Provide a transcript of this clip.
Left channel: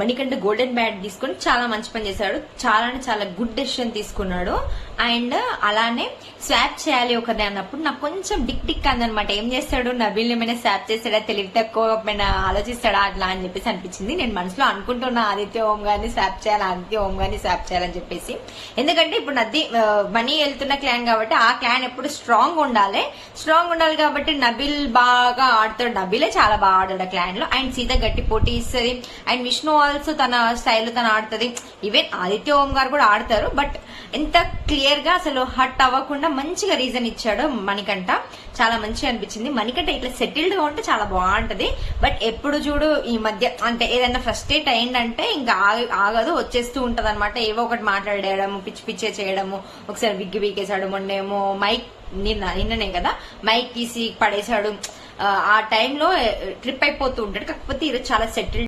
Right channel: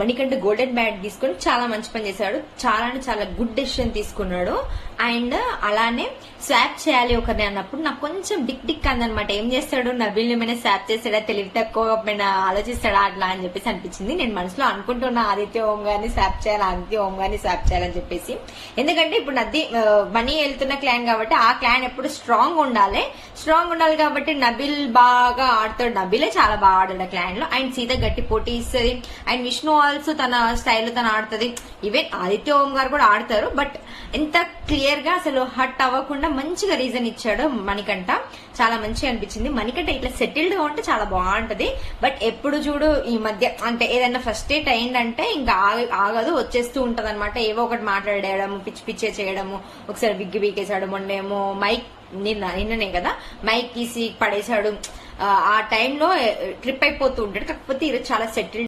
Manikanta golden bat తీసుకుని చాలా మంచి పని చేశాడు. చాలా గుడ్ డెసిషన్ తీసుకున్నాడు. అండ్ అలానే స్వాప్ చేయాలి ఒకరిని అన్నప్పుడు నాకు కొంచెం డిక్ అందనమాట. ఏం చేస్తాడు, నబీల్ ఏమైనా స్వాప్ చేస్తాడా, తెలివి తక్కువ ఆలోచిస్తాడా అట్లా అని చెప్పేసి అనిపించింది. నేను మనసులో అనుకుంటున్నా ఆదిత్య ఓం గారిని స్వాప్ చేయాలి, ఆదిత్య ఓం గారిని స్వాప్ చేయాలని చెప్పేసి. ఎందుకంటే ఇప్పుడు మనీ వెళ్తున్న క్లాన్ కాబట్టి ఆ క్లాన్ ఎప్పుడు స్ట్రాంగ్ ఉండాలి కాబట్టి నబీల్ బాగా ఆడతాడు. నబీలే చాలా బాగా ఆడాడు ఆ క్లాన్ లో. అండ్ సీత గట్టి పోటీ ఇస్తుంది. అండ్ విష్ణు ఆల్సో తన స్టైల్ తను ఆడుతుంది. ఈవెన్ ఆదిత్య ఓం గారు కూడా ఆడతారు. బట్ ఎంత క్లియర్ గా అసలు హట్ అవ్వకుండా మంచిగా రీజన్ ఇచ్చాడు మణికంఠ. చాలా మంచిగా అనిపించింది. మణికంఠ ఇట్లా సెటిల్డ్ గా ఉంటే చాలా బాగుంటది. బట్ ఎప్పుడు చూడు ఈ మధ్య అంటే ఏదైనా ఫ్రస్ట్రేట్ అయిందంటే ఇంకా ఆగదు, వచ్చేస్తూ ఉంటది అనమాట. ఏవో ఒకటి మాట్లాడేయడము, పిచ్చే చేయడము. ఒకసారి విగ్గి వీకేశాడు, మొన్నేమో మైక్ నిన్ననే కదా మైక్ తీసి పడేశాడు. ఆ టైంలో ట్రిప్ అయిపోతూ ఉంటాడు. కాకపోతే ఈరోజు చాలా సెటిల్డ్